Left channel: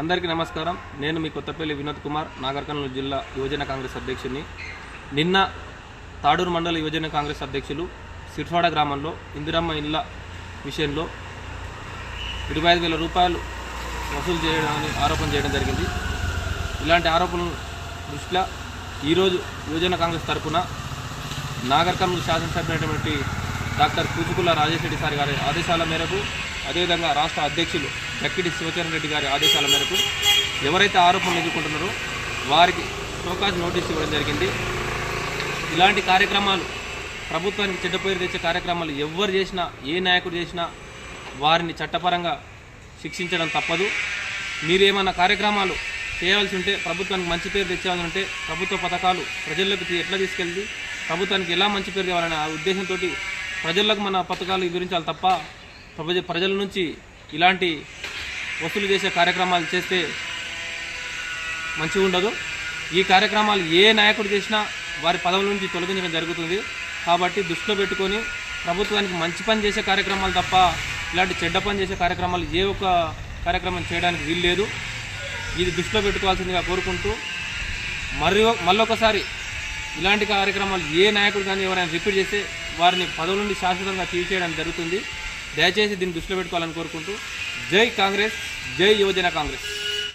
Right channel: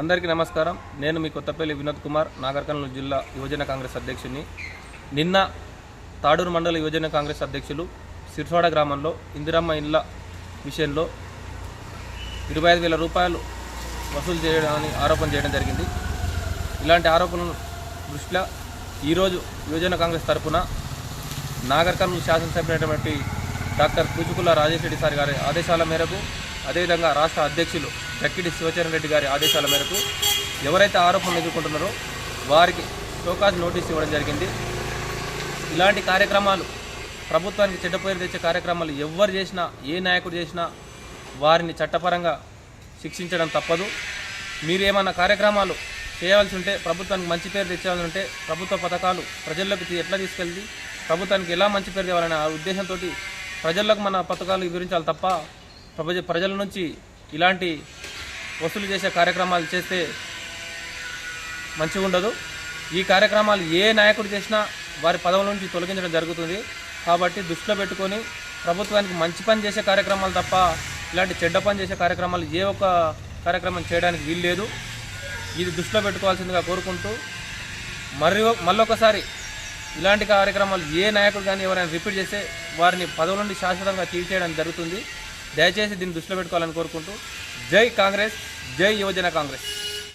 అందరికీ నమస్కారం. నేను మీ కొత్తపల్లి వినోద్ కుమార్ నాగర్కర్నూలు జిల్లా యువజన కాంగ్రెస్ అధ్యక్షుని నిన్న తాడూరు మండల యువజన కాంగ్రెస్ అధ్యక్షులు సిర్ఫాడ గ్రామంలో ఇందిరమ్మ ఇళ్ళ విషయంలో ఇరవై ఐదు వేల రూపాయలు వసూలు చేయడాన్ని ఆరోపణ చేయడం జరిగింది. ఇలాంటి ఆరోపణలు దృష్ట్యా ఈరోజు యువజన కాంగ్రెస్ తరఫున నాగర్కర్నూలు శాసనసభ్యులైనటువంటి డాక్టర్ కూచుకుల రాజేశ్వరి సార్ గారి ఆదేశాల మేరకు అదేవిధంగా రాష్ట్ర అధ్యక్షులు చక్కిడి శివచరణ్ రెడ్డి గారి ఆదేశాల మేరకు ఎవరైతే ఆరోపణలు ఎదుర్కొంటున్నారో వారికి షోకాజ్ నోటీస్ ఇవ్వడం జరిగింది. ఇలాంటి కార్యక్రమాలు ప్రభుత్వానికి చెడ్డ పేరు తెచ్చే కార్యక్రమాలు ఎవరు చేసినా ఏ నాయకుడు చేసినా వారిని చట్టపరంగా శిక్షించడం తప్పదు. మీరు ఏమన్నా కార్యక్రమాలు చేయవలసి ఉంటే ప్రభుత్వానికి మంచి పేరు తెచ్చేయాలని ఉంటే ప్రభుత్వ పథకాలు ప్రజల్లోకి ఎట్లా తీసుకెళ్ళి ప్రభుత్వానికి ఎలా మంచి పేరు తేవాలనే ఆ ఉద్దేశంతో ప్రజలకు మన పథకాలు వివరించాలి తప్ప ప్రజ ప్రజల నుంచి ఇలాంటి వసూలు చేసే కార్యక్రమాలు చేస్తే మంచిగా ఉండదు ఈ కార్యక్రమాలు ఏ నాయకుడు చేసినా వారి పదవుల నుంచి తొలగించడం జరుగుతుంది. కాబట్టి దృష్టిలో పెట్టుకొని ప్రభుత్వానికి మంచి పని చేసే కార్యక్రమాలు తప్ప ఇలాంటి చెడ్డ పని చేసే కార్యక్రమాలు ఏ ఒక్క కార్యక్రమం చేయడానికి వీల్లేదు ఇది దృష్టిలో పెట్టుకోవాల్సిందిగా కోరుకుంటూ మరి మళ్ళొకసారి ఇలాంటి కార్యక్రమాలు ఏ నాయకుడు కానీ ఎవరైనా రిపీట్ చేస్తే వారిని పదవుల నుండి శాశ్వతంగా తీసేయడం జరుగుతుంది. దయచేసి దీన్ని దృష్టిలో పెట్టుకోవాలని కోరుకుంటూ జై కాంగ్రెస్ జై యువజన కాంగ్రెస్.